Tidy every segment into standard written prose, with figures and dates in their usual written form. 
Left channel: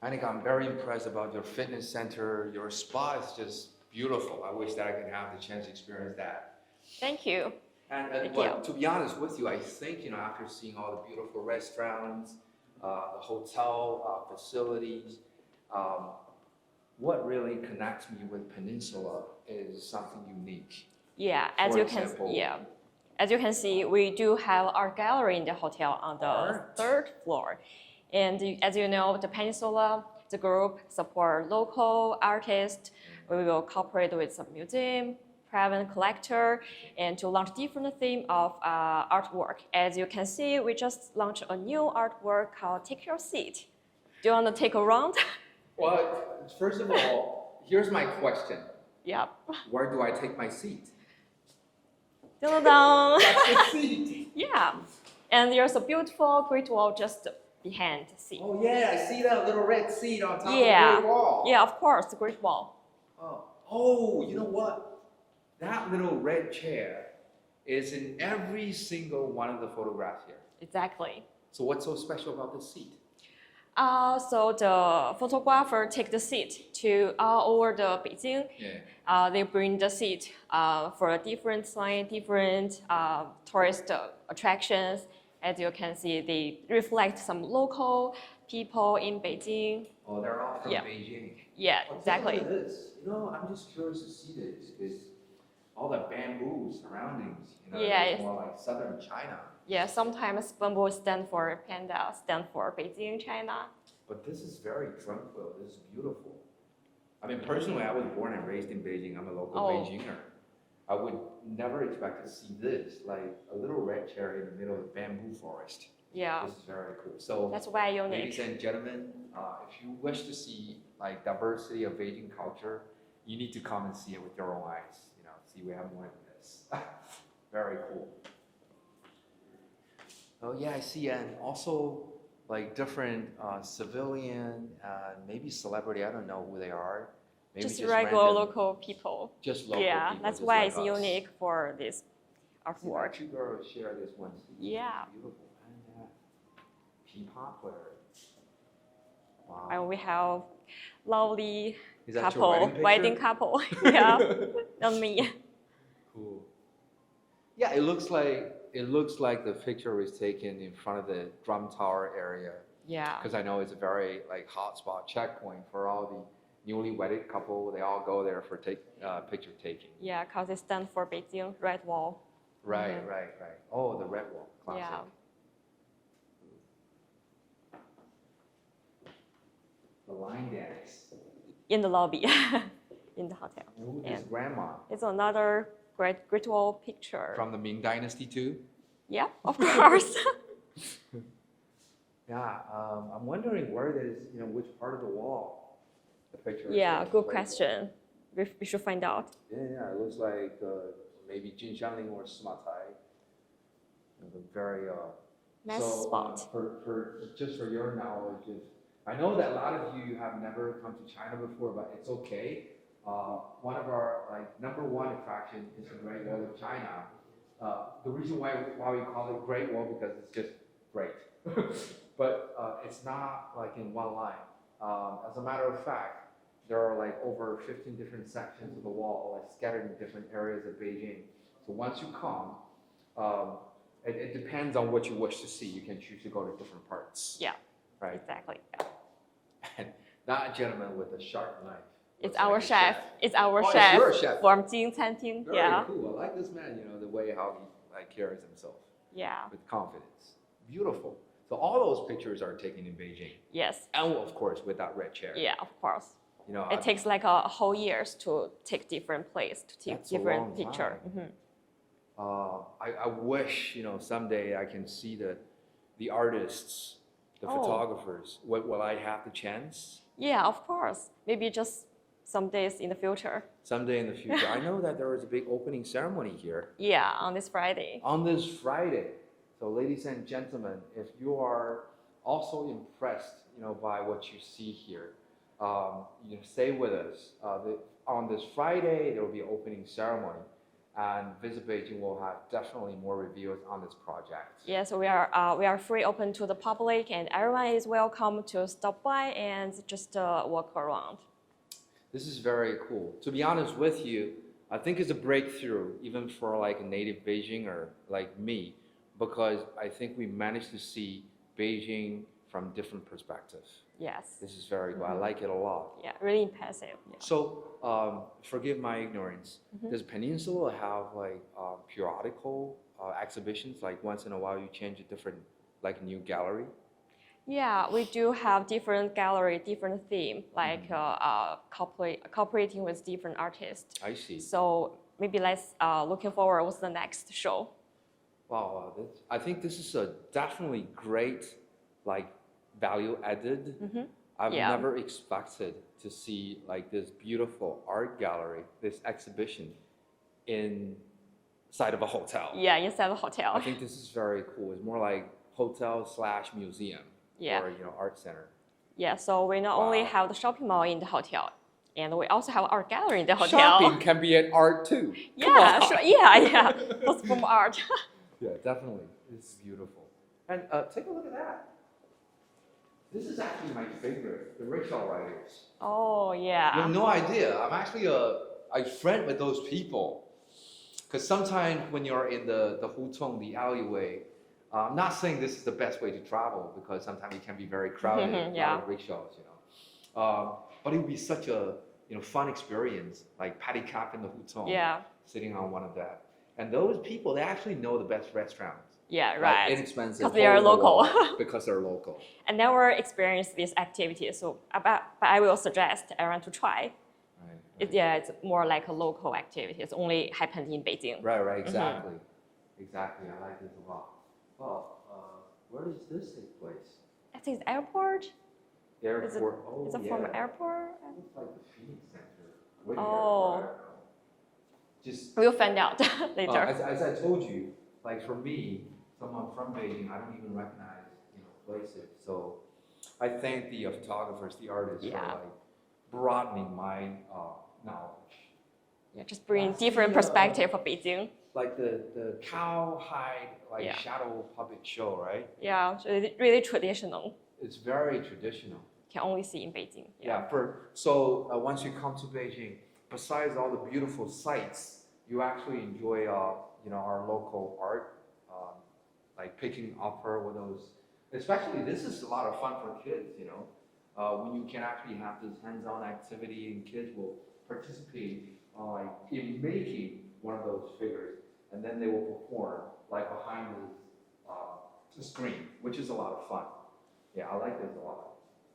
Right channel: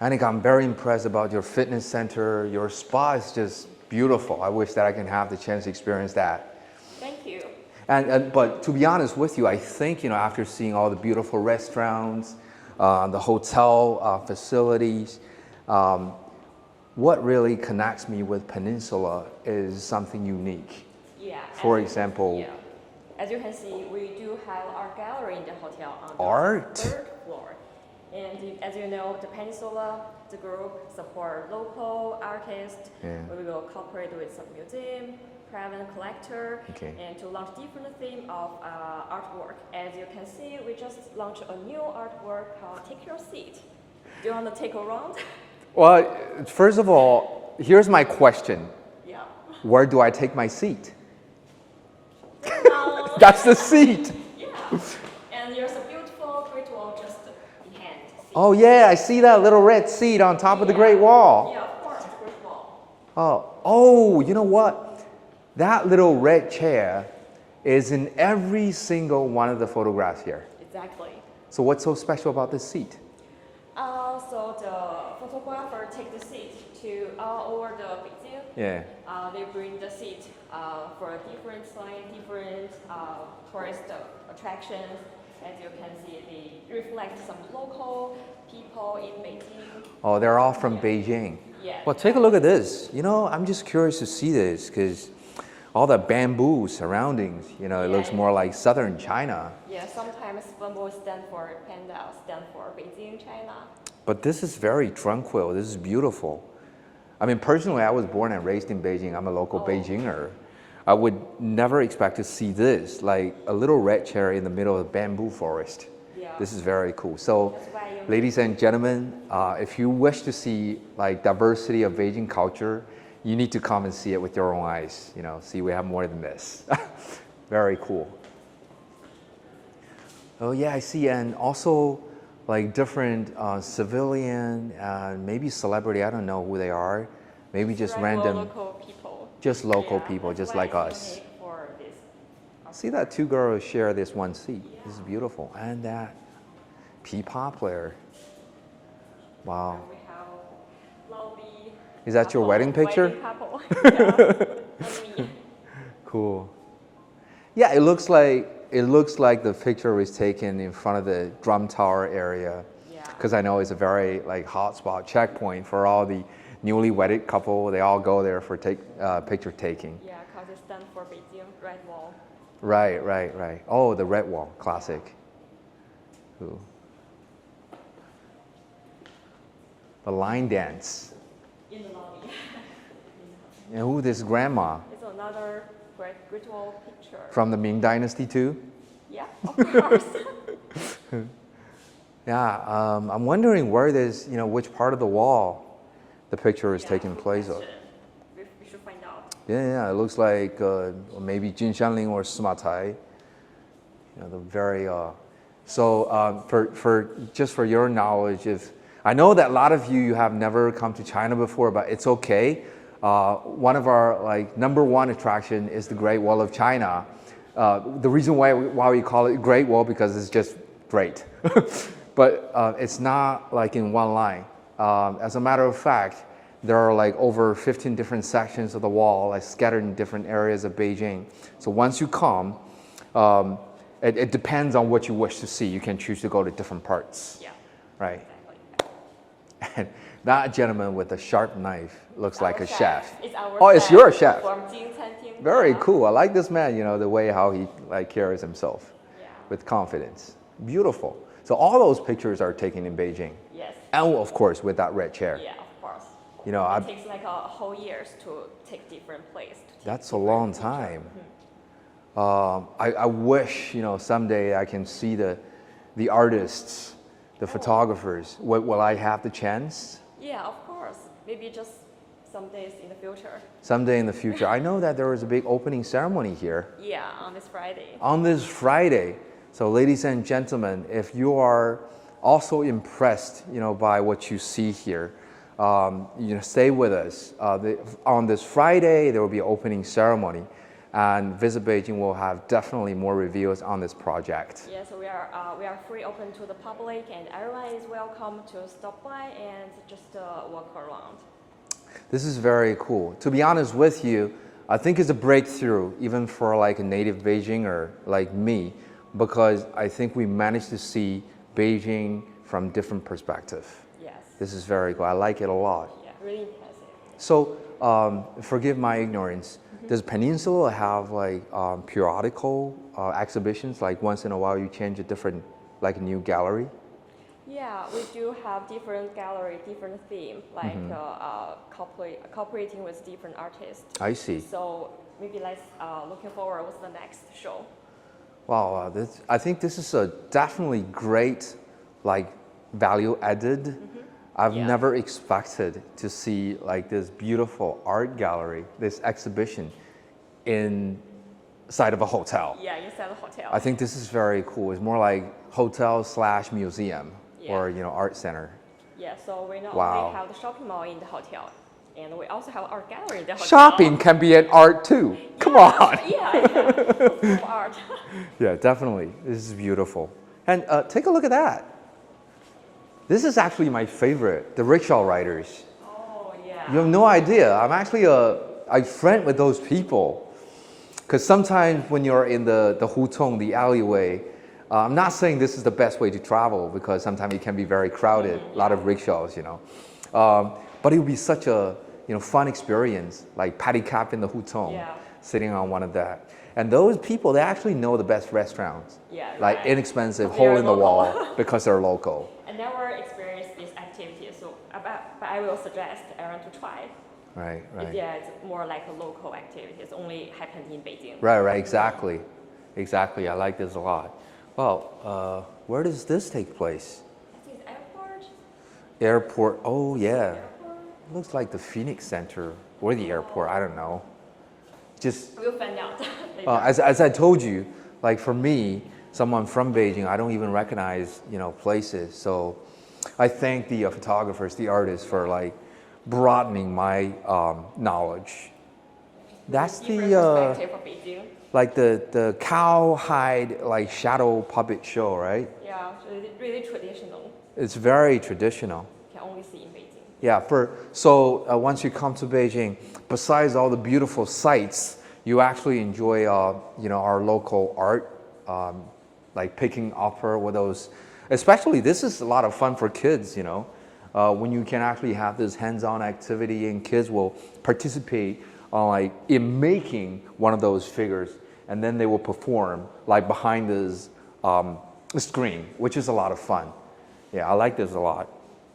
Anika, I'm very impressed about your fitness center. Your spa is just beautiful. I wish that I can have the chance to experience that. Thank you. But to be honest with you, I think, after seeing all the beautiful restaurants, the hotel facilities, what really connects me with Peninsula is something unique. Yeah. For example, as you can see, we do have art gallery in the hotel on the art? third floor. And as you know, the Peninsula, the group support local artists. Yeah. We will cooperate with some museum, private collector, Okay. and to launch different theme of artwork. As you can see, we just launched a new artwork called Take Your Seat. Do you want to take a round? Well, first of all, here's my question. Yep. Where do I take my seat? Ta-da! That's the seat. Yeah. And there's a beautiful Great Wall just behind the seat. Oh yeah, I see that little red seat on top of the Great Wall. Yeah, of course, the Great Wall. Oh, you know what? That little red chair is in every single one of the photographs here. Exactly. So what's so special about this seat? So the photographer take the seat to all over the Beijing. Yeah. They bring the seat for a different sign, different tourist attractions. As you can see, they reflect some local people in Beijing. Oh, they're all from Beijing. Yeah. Well, take a look at this. I'm just curious to see this because all the bamboo surroundings, it looks more like southern China. Yeah, sometimes bamboo stand for panda, stand for Beijing, China. But this is very tranquil. This is beautiful. I mean, personally, I was born and raised in Beijing. I'm a local Beijinger. I would never expect to see this, like a little red chair in the middle of a bamboo forest. Yeah. This is very cool. So, That's why you ladies and gentlemen, if you wish to see like diversity of Beijing culture, you need to come and see it with your own eyes. See we have more than this. Very cool. Oh yeah, I see, and also like different civilian and maybe celebrity. I don't know who they are. Maybe just random local people. Just local people, just like us. That's why it's unique for this. See that two girls share this one seat. Yeah. This is beautiful, and that P-pop player. Wow. And we have lovely. Is that your wedding picture? Wedding couple. Yeah, not me. Cool. Yeah, it looks like the picture was taken in front of the drum tower area. Yeah. Because I know it's a very hot spot checkpoint for all the newly wedded couple. They all go there for picture taking. Yeah, because it stands for Beijing Red Wall. Right. Oh, the red wall, classic. Yeah. Ooh. The line dance. In the lobby, in the hotel. And who this grandma? It's another Great Wall picture. From the Ming Dynasty too? Yeah, of course. Yeah, I'm wondering where this, which part of the wall the picture is taking good place question. We should find out. Yeah, it looks like maybe Jinshanling or Sima the very. Nice for your knowledge, if I know that a lot of you have never come to China before, but it's okay. One of our number one attraction is the Great Wall of China. The reason why we call it Great Wall because it's just great, but it's not like in one line. As a matter of fact, there are over 15 different sections of the wall, scattered in different areas of Beijing. So once you come, it depends on what you wish to see. You can choose to go to different parts. Yeah. Right. Exactly. And that gentleman with a sharp knife looks like a chef. It's our chef. chef. It's your chef. From Jing Canteen. Very cool. I like this man, the way how he carries himself. Yeah. With confidence. Beautiful. So all those pictures are taken in Beijing. Yes. And of course with that red chair. Yeah, of course. It takes a whole years to take different place. That's a long time. I wish, someday I can see the artists, the photographers. Will I have the chance? Yeah, of course. Maybe just some days in the future. Someday in the future. I know that there was a big opening ceremony here. Yeah, on this Friday. On this Friday. So ladies and gentlemen, if you are also impressed, by what you see here, stay with us. On this Friday, there will be an opening ceremony. and Visit Beijing will have definitely more reviews on this project. Yes, we are free open to the public, and everyone is welcome to stop by and just walk around. This is very cool. To be honest with you, I think it's a breakthrough even for like a native Beijinger like me, because I think we managed to see Beijing from different perspective. Yes. This is very cool. I like it a lot. Yeah, really impressive. So, forgive my ignorance. Does Peninsula have like periodical exhibitions? Like once in a while, you change a different, like a new gallery? Yeah, we do have different gallery, different theme, like cooperating with different artists. I see. So maybe let's looking forward what's the next show. Wow, I think this is a definitely great, like value added. I've Yeah. never expected to see like this beautiful art gallery, this exhibition inside of a hotel. Yeah, inside the hotel. I think this is very cool. It's more like hotel/museum Yeah. or art center. Yeah, so we not Wow. only have the shopping mall in the hotel, and we also have art gallery in the hotel. Shopping can be an art too. Come Yeah, on. sure. Yeah. What's from art? Yeah, definitely. This is beautiful. And take a look at that. This is actually my favorite, the rickshaw riders. Oh, yeah. You have no idea. I'm actually I friend with those people. Because sometimes when you're in the hutong, the alleyway, I'm not saying this is the best way to travel because sometimes it can be very crowded, a lot of rickshaws, you know. But it would be such a fun experience, like patty cap in the hutong, sitting on one of that. And those people, they actually know the best restaurants. Yeah, like right. inexpensive, Because they're hole in the wall, local. because they're local. I never experienced this activity, so but I will suggest everyone to try. Right, right. Yeah, it's more like a local activity. It's only happened in Beijing. Right, exactly. Exactly, I like this a lot. Well, where does this take place? I think it's airport. Airport, oh Is it for the yeah. airport? It looks like the Phoenix Center or the airport, I don't know. Just, We'll find out later. as I told you, like for me, someone from Beijing, I don't even recognize, places. So I thank the photographers, the artists for like broadening my knowledge. Yeah, just bring That's different the, perspective of Beijing. Like the cowhide shadow puppet show, right? Yeah, it's really traditional. It's very traditional. Can only see in Beijing. Yeah, so once you come to Beijing, besides all the beautiful sights, you actually enjoy our local art, like picking up with those. Especially, this is a lot of fun for kids. When you can actually have this hands-on activity and kids will participate in making one of those figures, and then they will perform like behind this screen, which is a lot of fun. Yeah, I like this a lot.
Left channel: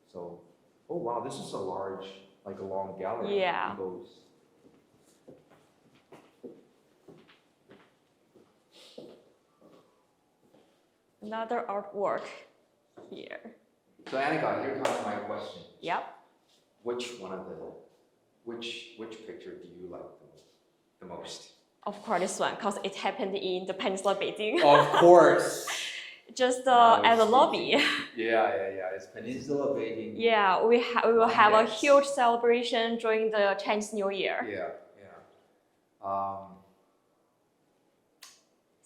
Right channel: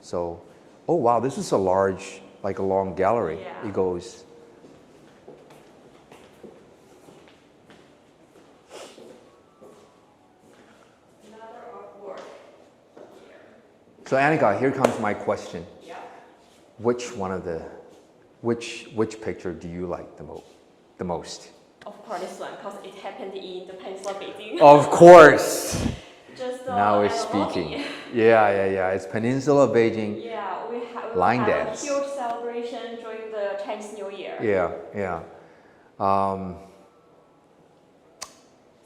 So, oh wow, this is a large, like a long gallery. Yeah. It goes. Another artwork here. So Annika, here comes my question. Yeah. Which picture do you like the most? Of course, this one, because it happened in the Peninsula Beijing. Of course. Just Now at it's the lobby. speaking. Yeah. It's Peninsula Beijing. Yeah, we will Line have dance. a huge celebration during the Chinese New Year. Yeah.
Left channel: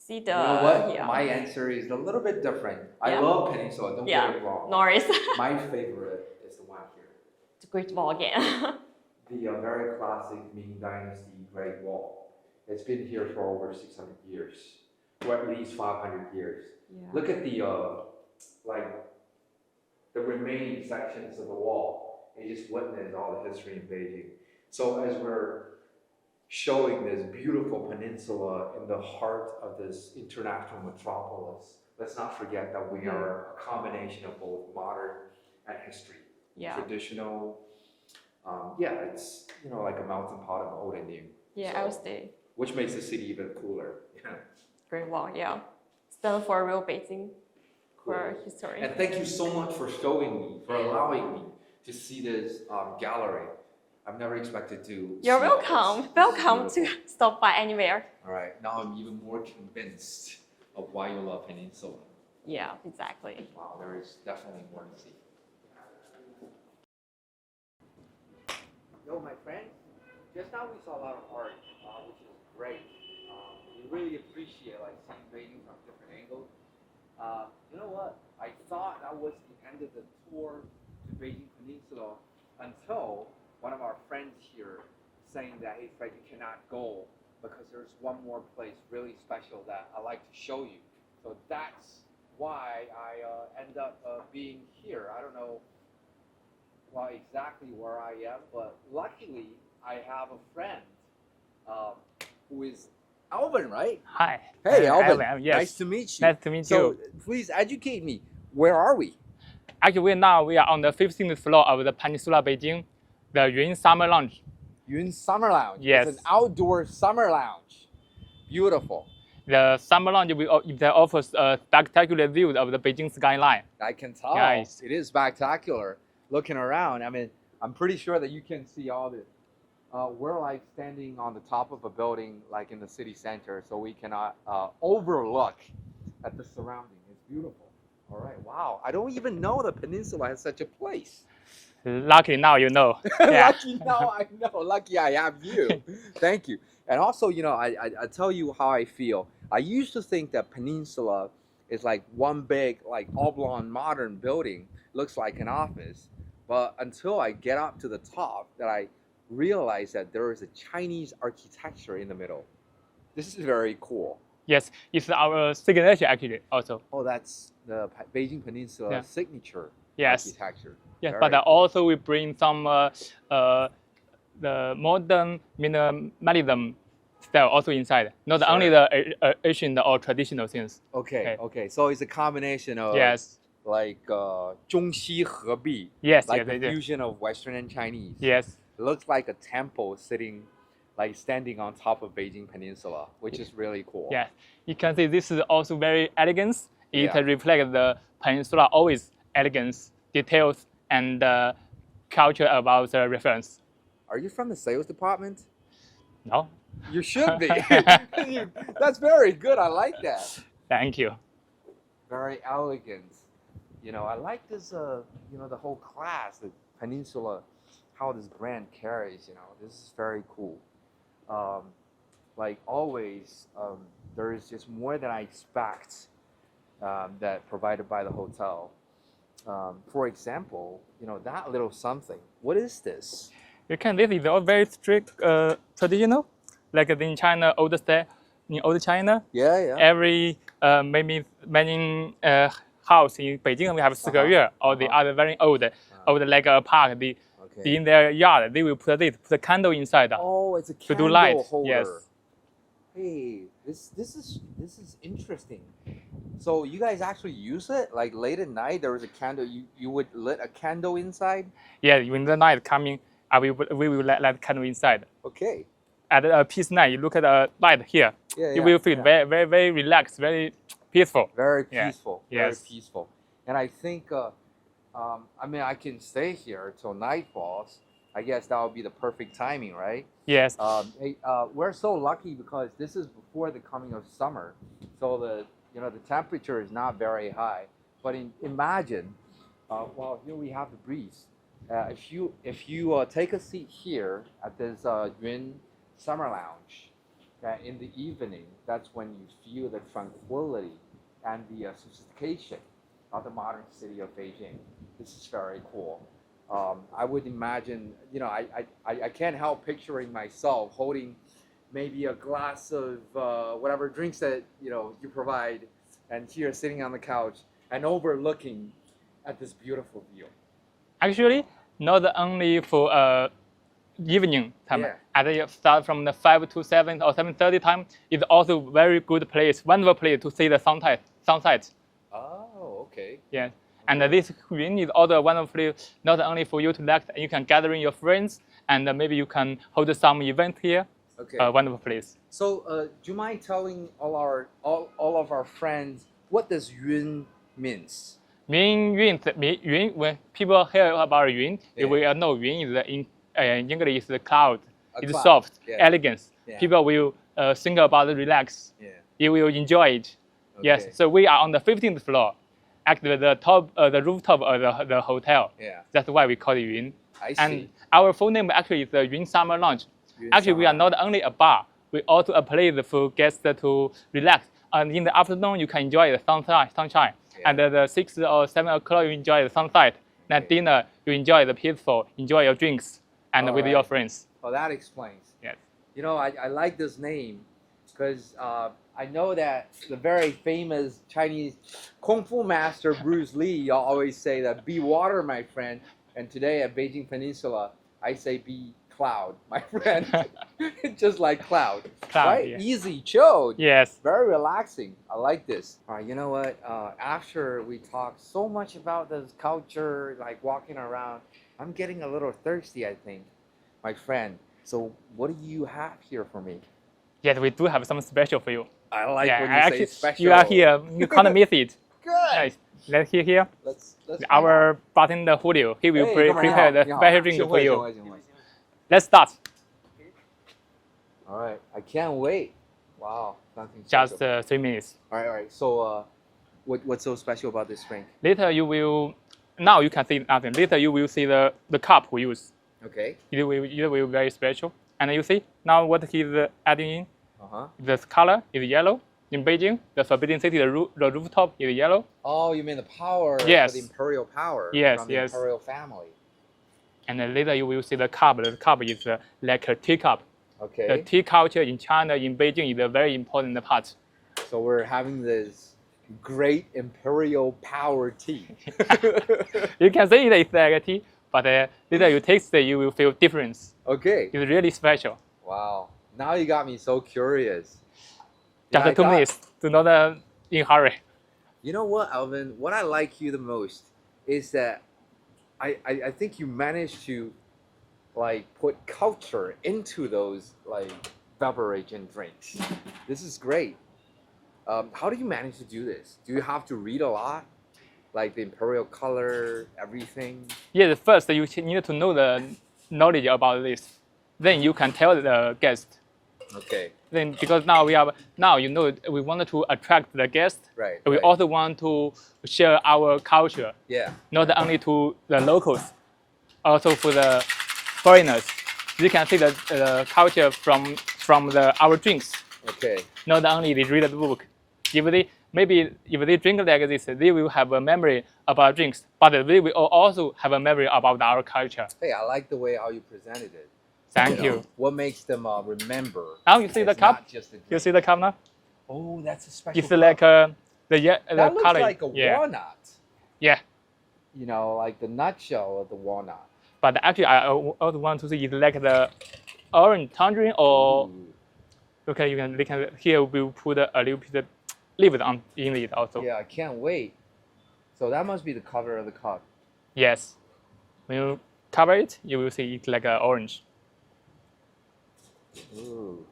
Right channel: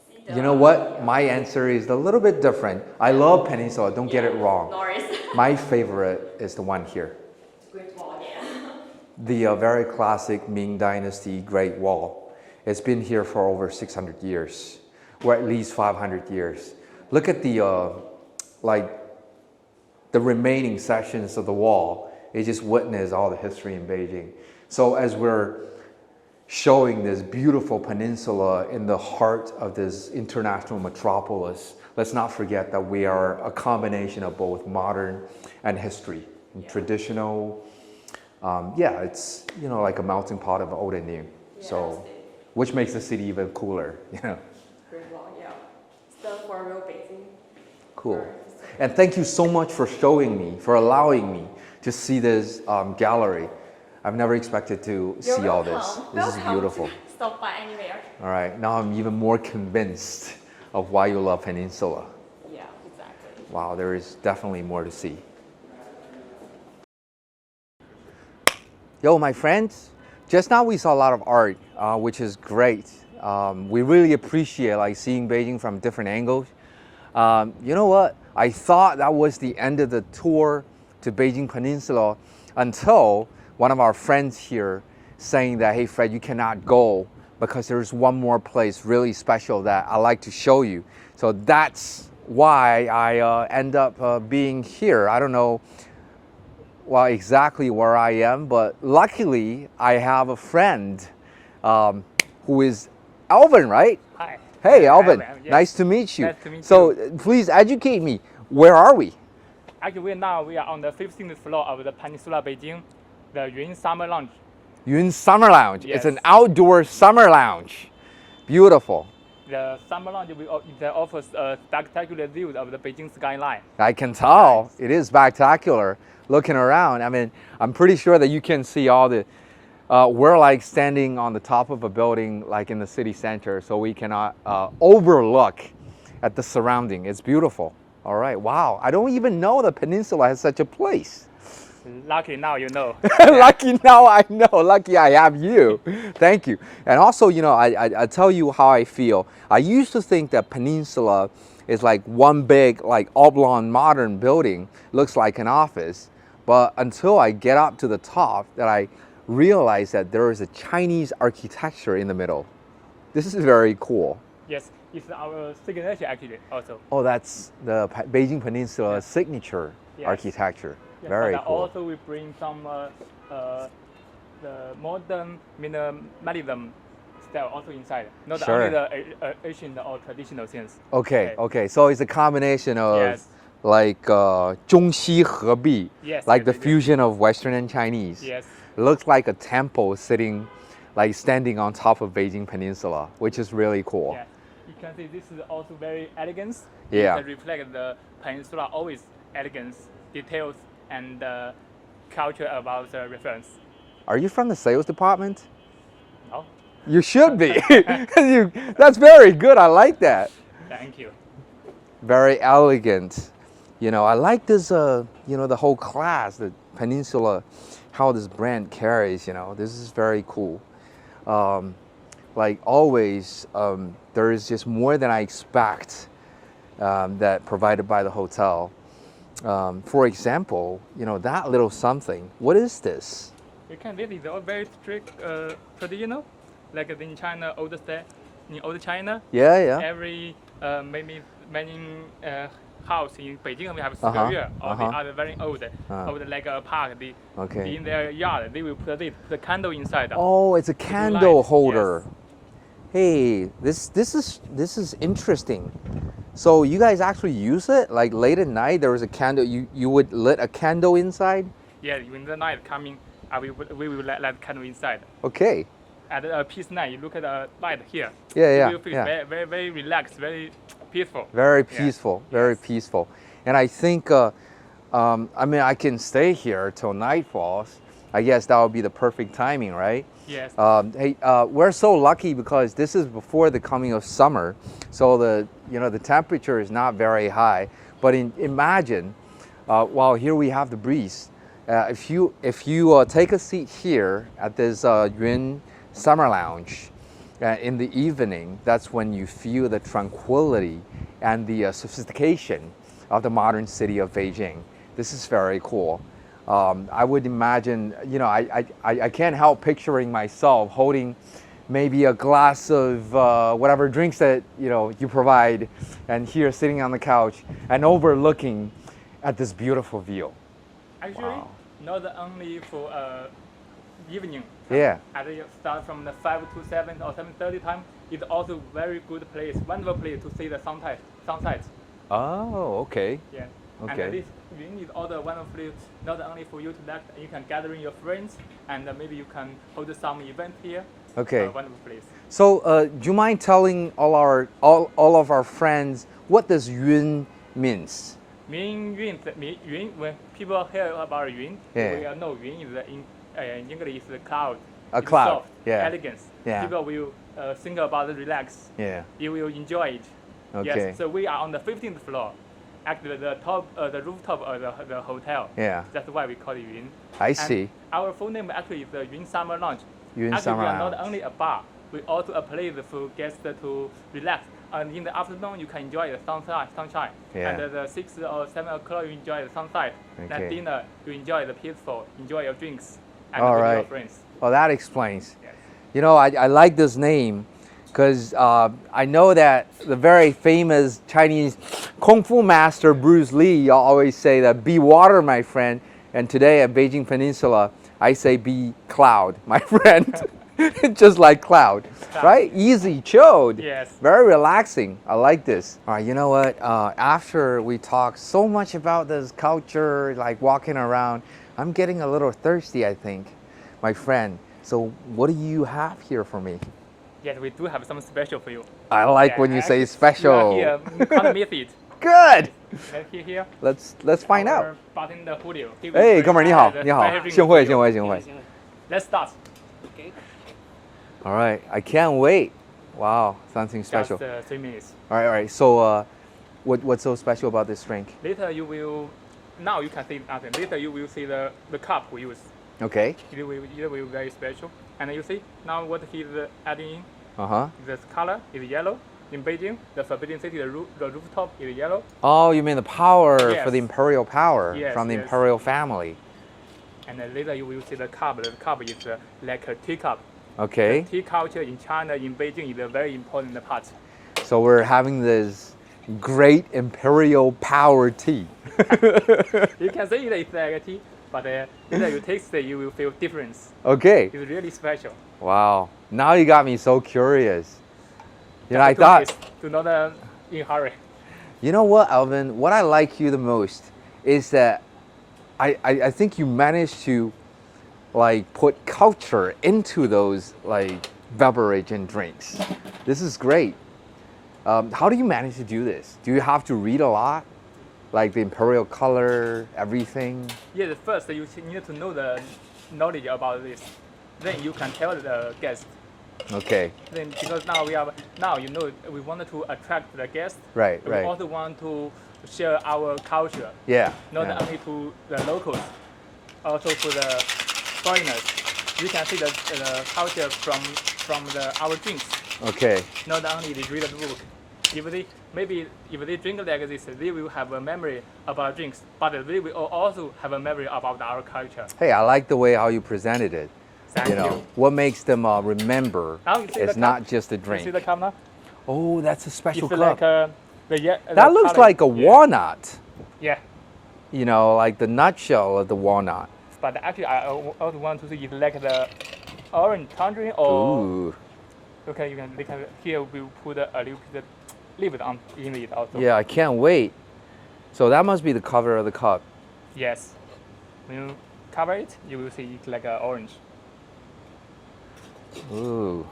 See the, You know what? yeah. My answer is a little bit different. I love Peninsula. Don't get it wrong. No worries. My favorite is the one here. It's a great wall again. The very classic Ming Dynasty Great Wall. It's been here for over 600 years, or at least 500 years. Look at the remaining sections of the wall. It just witnessed all the history in Beijing. So as we're showing this beautiful peninsula in the heart of this international metropolis, let's not forget that we are a combination of both modern and history, and traditional. It's like a melting pot of old and new. Yeah, So, which makes the city even cooler. Great wall, yeah. Stand for real Beijing. Cool. For history. And thank you so much for showing me, for allowing me to see this gallery. I've never expected to see all this. This is Welcome beautiful. to stop by anywhere. All right, now I'm even more convinced of why you love Peninsula. Yeah, exactly. Wow, there is definitely more to see. Yo, my friends, just now we saw a lot of art, which is great. We really appreciate like seeing Beijing from different angles. You know what? I thought that was the end of the tour to Beijing Peninsula until one of our friends here saying that, hey Fred, you cannot go because there's one more place really special that I like to show you. So that's why I end up being here. I don't know exactly where I am, but luckily I have a friend who is Alvin, right? Hi. Hey, Alvin. Yes. Nice to meet you. Nice to meet so you. please educate me. Where are we? Actually, we are on the 15th floor of the Peninsula Beijing, the Yun Summer Lounge. Yun Summer Lounge. Yes. It's an outdoor summer lounge. Beautiful. The Summer Lounge that offers a spectacular view of the Beijing skyline. I can tell. Nice. It is spectacular looking around. I mean, I'm pretty sure that you can see all the, we're like standing on the top of a building like in the city center, so we cannot overlook at the surrounding. It's beautiful. All right, wow. I don't even know the peninsula has such a place. Lucky now you know. Lucky now I know. Lucky I have you. Thank you. And also, you know, I tell you how I feel. I used to think that peninsula is like one big, like oblong modern building, looks like an office. But until I get up to the top, that I realize that there is a Chinese architecture in the middle. This is very cool. Yes, it's our signature actually also. Oh, that's the Beijing Peninsula Yeah. signature Yes. architecture. Yes, Very but cool. also we bring some the modern minimalism style also inside. Not Sure. only the Asian or traditional things. Okay. So it's a combination of Yes. like 中西合璧, Yes, like yes, the yes. fusion of Western and Chinese. Yes. It looks like a temple standing on top of Beijing Peninsula, which is really cool. Yeah, you can see this is also very elegance. Yeah. It can reflect the peninsula always elegance, details, and culture about the reference. Are you from the sales department? No, You should be. That's very good. I like that. thank you. Very elegant. You know, I like this, you know, the whole class, the Peninsula, how this brand carries, you know, this is very cool. Like always, there is just more than I expect that provided by the hotel. For example, you know, that little something, what is this? You can this is all very strict traditional, like in China old style. In old China, Yeah. every maybe many house in Beijing we have 4个院 or the other very old, like a park. Okay. In their yard they will put a candle inside. Oh, it's a do candle light, holder. yes. Hey, this is interesting. So you guys actually use it? Like late at night, there was a candle. You would lit a candle inside? Yeah, when the night coming, we will let candle inside. Okay. At a peace night, you look at the light here. Yeah, You will feel yeah. very relaxed, very peaceful. Very Yeah. peaceful. Very Yes. peaceful. And I think, I mean, I can stay here till night falls. I guess that would be the perfect timing, right? Yes. Hey, we're so lucky because this is before the coming of summer, so the temperature is not very high. But imagine, while here we have the breeze. If you take a seat here at this Yun Summer Lounge in the evening, that's when you feel the tranquility and the sophistication of the modern city of Beijing. This is very cool. I would imagine, you know, I can't help picturing myself holding maybe a glass of whatever drinks that, you know, you provide, and here sitting on the couch and overlooking at this beautiful view. Actually, Wow. not only for evening time. Yeah. At the start from the 5 to 7 or 7:30 time, it's also very good place, wonderful place to see the sunset. Oh, okay. Yeah. Okay. And this Yun is also wonderful place, not only for you to relax, you can gather in your friends, and maybe you can hold some event here. Okay. Wonderful place. So, do you mind telling all of our friends what does Yun means? Yun, when people hear about Yun, Yeah. they will know Yun is in English is the cloud. A It's cloud, soft, yeah. elegance. Yeah. People will think about relax. Yeah. You will enjoy it. Okay. Yes. So we are on the 15th floor, actually the top, the rooftop of the hotel. Yeah. That's why we call it Yun. I And see. our full name actually is the Yun Summer Lounge. Yun Actually, Summer we are not Lounge. only a bar. we also a place for guests to relax. And in the afternoon, you can enjoy the sunshine. Yeah. And the 6 or 7 o'clock, you enjoy the sunset. Okay. Then dinner, you enjoy the peaceful, enjoy your drinks, and All with your right. friends. Well, that explains. Yes. You know, I like this name because I know that the very famous Chinese Kung Fu master Bruce Lee always say that be water, my friend. And today at Beijing Peninsula, I say be cloud, my friend. Just like cloud, right? Yes. Easy, chilled. Yes. Very relaxing. I like this. All right, you know what? After we talk so much about this culture, like walking around, I'm getting a little thirsty, I think, my friend. So what do you have here for me? Yes, we do have some special for you. I like Yeah, when you say actually, special. You are here. You can't miss it. Good. Let's hear here. Let's find Our out. bartender Julio. He will Hey,哥们儿你好， prepare the 你好， special drink 幸 for 会， you. 幸会，幸会。 Let's start. All right, I can't wait. Wow, something special. Just 3 minutes. All right. So, what's so special about this drink? Later you will. Now you can see nothing. Later you will see the cup we use. Okay. It will be very special. And you see now what he's adding in. Uh-huh. The color is yellow. In Beijing, the Forbidden City, the rooftop is yellow. Oh, you mean the power for Yes. the imperial power Yes, from the yes. imperial family. And then later you will see the cup. The cup is like a teacup. Okay. The tea culture in China, in Beijing, is a very important part. So we're having this great imperial power tea. You can say it's like a tea, but later you taste it, you will feel difference. Okay. It's really special. Wow. Now you got me so curious. You know, I Just 2 thought, minutes, do not in hurry. you know what, Alvin? What I like you the most is that I think you managed to like put culture into those like beverage and drinks. This is great. How do you manage to do this? Do you have to read a lot? Like the imperial color, everything? Yes, first you need to know the knowledge about this. Then you can tell the guest. Okay. Then because now we wanted to attract the guests. Right, We right. also want to share our culture, Yeah. not yeah. only to the locals, also for the foreigners. You can see the culture from our drinks. Okay. Not only they read the book. If they drink like this, they will have a memory about drinks, but they will also have a memory about our culture. Hey, I like the way how you presented it. Thank you. What makes them remember Now you see the it's cup? not just a You drink. see the cup now? Oh, that's a special It's cup. like the that looks color. like a Yeah. walnut. Yeah, You know, like the nutshell of the walnut. but actually I also want to see it like the orange tangerine or Ooh. okay. They can here we'll put a little bit leave on in it also. Yeah, I can't wait. So that must be the cover of the cup. Yes. When you cover it, you will see it like orange. Ooh.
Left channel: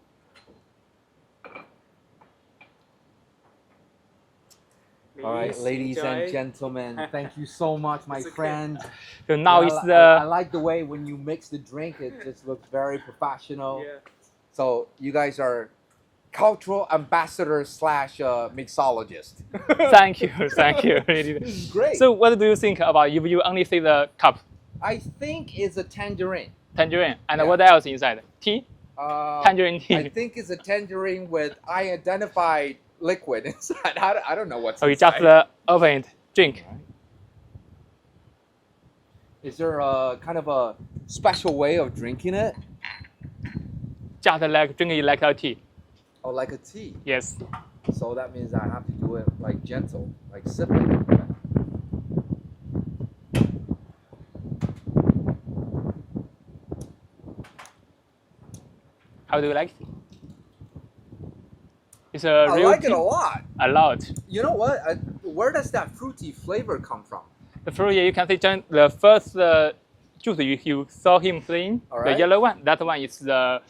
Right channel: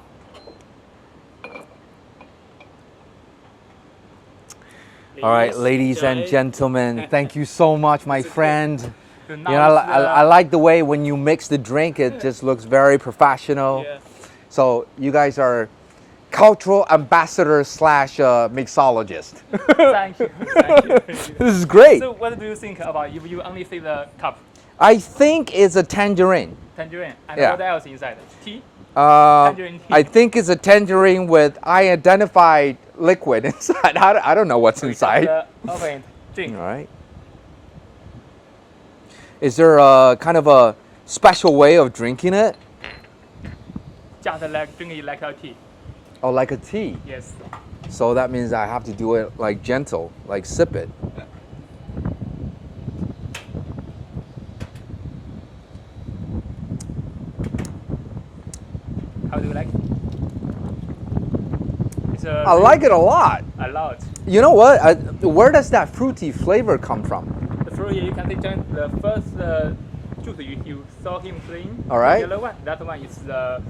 All right, ladies and gentlemen, thank you so much, my friend. So You now know, it's I like the way when you mix the drink, it just looks very professional. Yeah. So you guys are cultural ambassador slash mixologist. Thank you, thank you. This is great. So what do you think about if you only see the cup, I think it's a tangerine. tangerine, and Yeah. what else inside? Tea? Uh, Tangerine tea. I think it's a tangerine with unidentified liquid inside. I don't know what's So you inside. just open it, drink. All right. Is there a kind of a special way of drinking it? Just like drinking it like a tea. Oh, like a tea. Yes. So that means I have to do it like gentle, like sip it. How do you like it? It's I like it a lot. a lot. You know what? Where does that fruity flavor come from? The fruit, you can see the first juice you saw him saying, All right. the yellow one, that one is the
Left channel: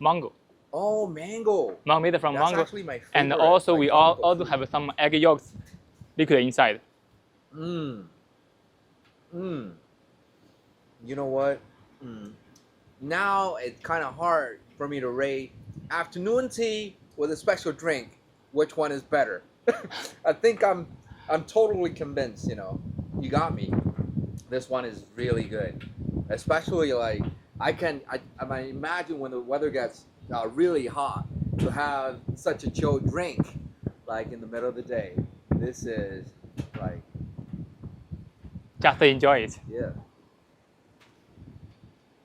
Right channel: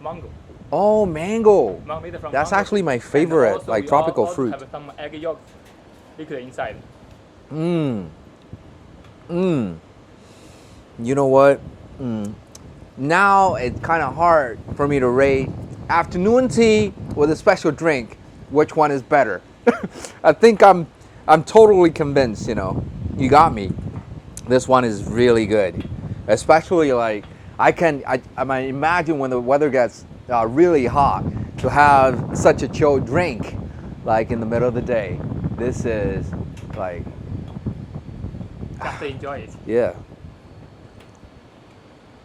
mango. Oh, mango. Mango made from That's mango. actually my And favorite, also like we tropical also fruit. have some egg yolks liquid inside. Mmm. Mmm. You know what? Now it's kind of hard for me to rate afternoon tea with a special drink. Which one is better? I think I'm totally convinced. You know, you got me. This one is really good, especially like I might imagine when the weather gets really hot, to have such a chilled drink, like in the middle of the day. This is like, Just enjoy it. yeah.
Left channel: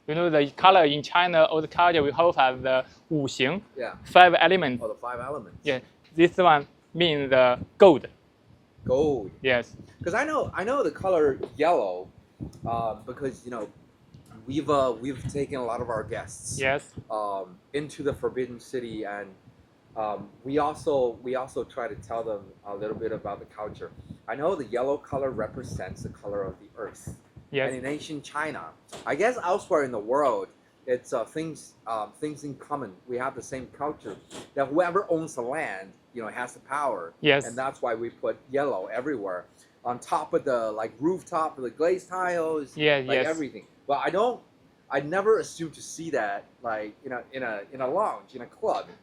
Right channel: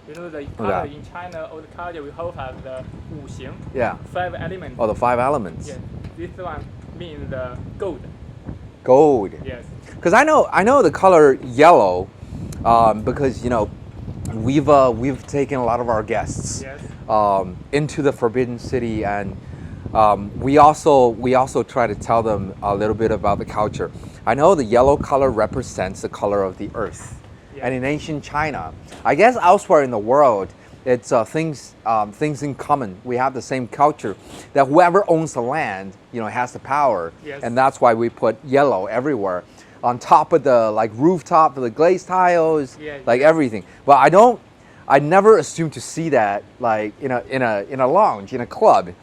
You know the color in China, old culture, we always have the 五行, Yeah. 5 elements. Oh, the 5 elements. Yes, this one means the gold. Gold. Yes. Because I know the color yellow, because we've taken a lot of our guests Yes. into the Forbidden City, and we also try to tell them a little bit about the culture. I know the yellow color represents the color of the earth. Yes. And in ancient China, I guess elsewhere in the world, it's things in common. We have the same culture, that whoever owns the land, has the power. Yes. And that's why we put yellow everywhere, on top of the rooftop, the glazed tiles, Yeah, like yes. everything. But I never assumed to see that like in a lounge, in a club,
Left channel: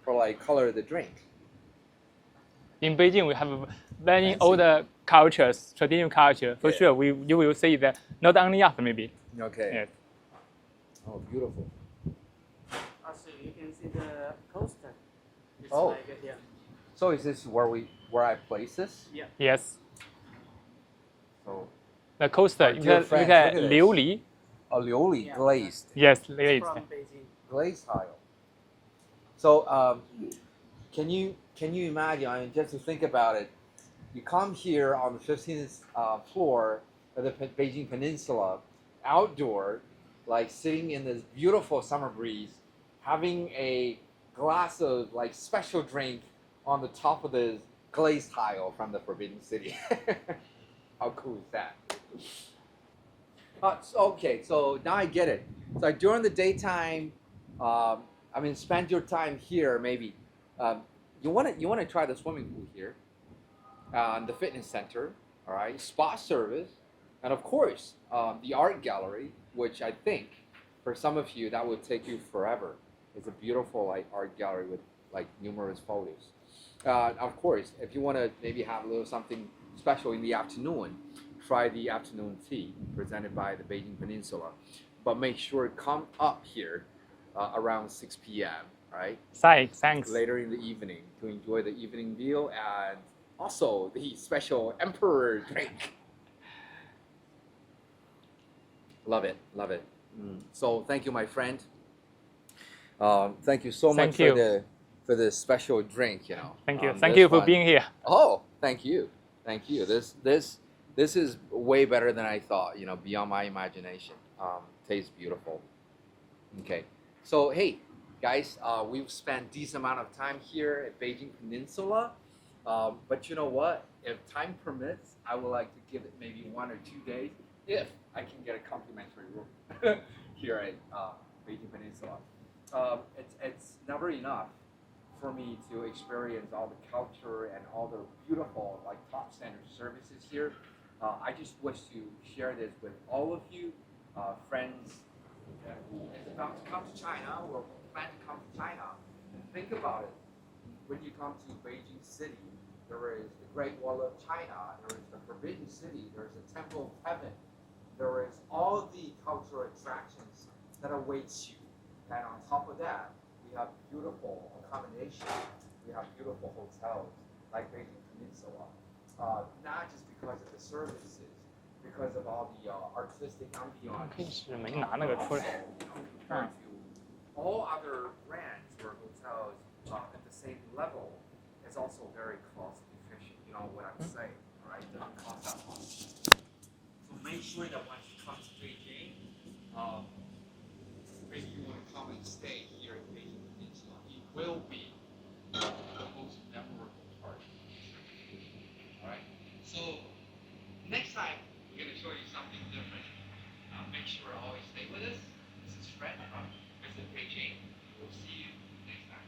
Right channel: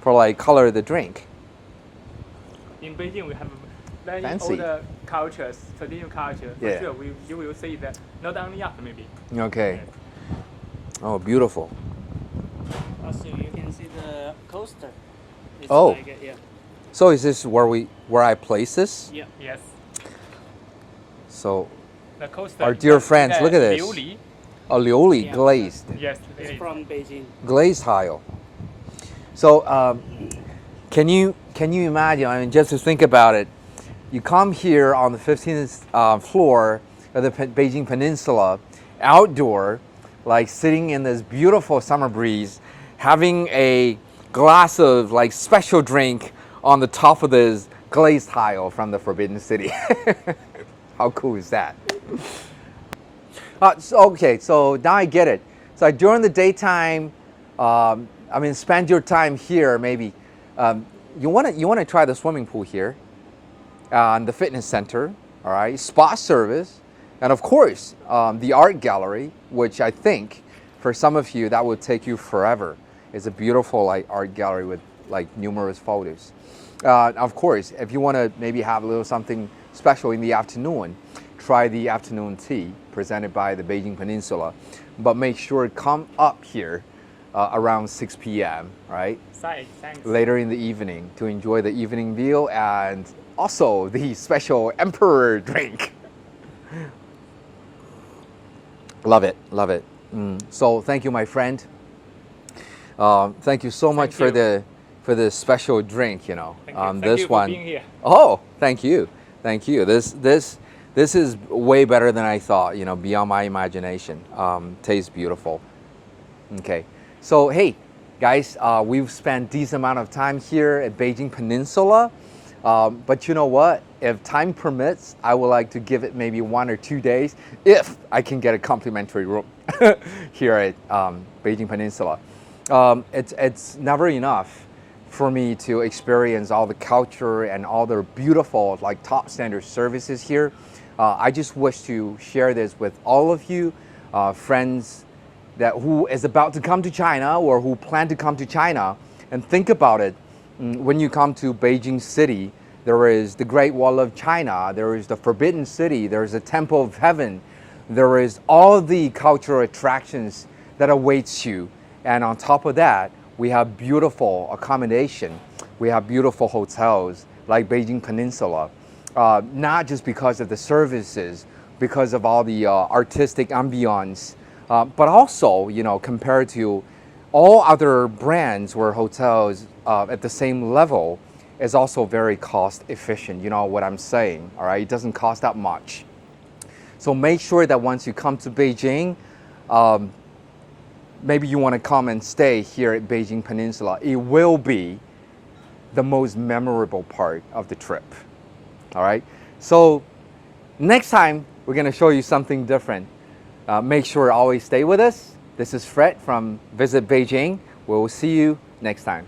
for like color of the drink. In Beijing, we have many Fancy. older cultures, traditional culture. For Yeah. sure, you will see that not only us maybe. Okay. Yes. Oh, beautiful. Also, you can see the coaster. It's Oh. like yeah. So is this where I place this? Yeah. Yes. So The coaster. Our dear friends, look at this. 琉璃. a liuli Yeah. glazed. Yes, It's it is. from Beijing. Glazed tile. So can you imagine? I mean, just to think about it, you come here on the 15th floor of the Beijing Peninsula, outdoor, like sitting in this beautiful summer breeze, having a glass of like special drink on the top of this glazed tile from the Forbidden City. How cool is that? So now I get it. So during the daytime, spend your time here. Maybe you want to try the swimming pool here, the fitness center, all right, spa service, and of course the art gallery, which I think for some of you that would take you forever. It's a beautiful art gallery with numerous photos. Of course, if you want to maybe have a little something special in the afternoon, try the afternoon tea presented by the Beijing Peninsula, but make sure to come up here around 6 p.m. right? Thanks. Later in the evening to enjoy the evening meal and also the special emperor drink. Love it. So thank you, my friend. Thank you so much Thank you. for the special drink. Thank you. This Thank you for one. being here. Oh, thank you. This is way better than I thought. Beyond my imagination. Tastes beautiful. Okay, so hey, guys, we've spent decent amount of time here at Beijing Peninsula. But you know what? If time permits, I would like to give it maybe 1 or 2 days if I can get a complimentary room here at Beijing Peninsula. It's never enough for me to experience all the culture and all the beautiful top standard services here. I just wish to share this with all of you, friends who is about to come to China or who plan to come to China. And think about it. When you come to Beijing City, there is the Great Wall of China, there is the Forbidden City, there is the Temple of Heaven, there is all the cultural attractions that awaits you. And on top of that, we have beautiful accommodation. We have beautiful hotels like Beijing Peninsula, not just because of the services, because of all the artistic ambiance, but also, compared to all other brands or hotels at the same level, is also very cost efficient. You know what I'm saying, all right? It doesn't cost that much. So make sure that once you come to Beijing, maybe you want to come and stay here at Beijing Peninsula. It will be the most memorable part of the trip, all right? So next time, we're going to show you something different. Make sure to always stay with us. This is Fred from Visit Beijing. We'll see you next time.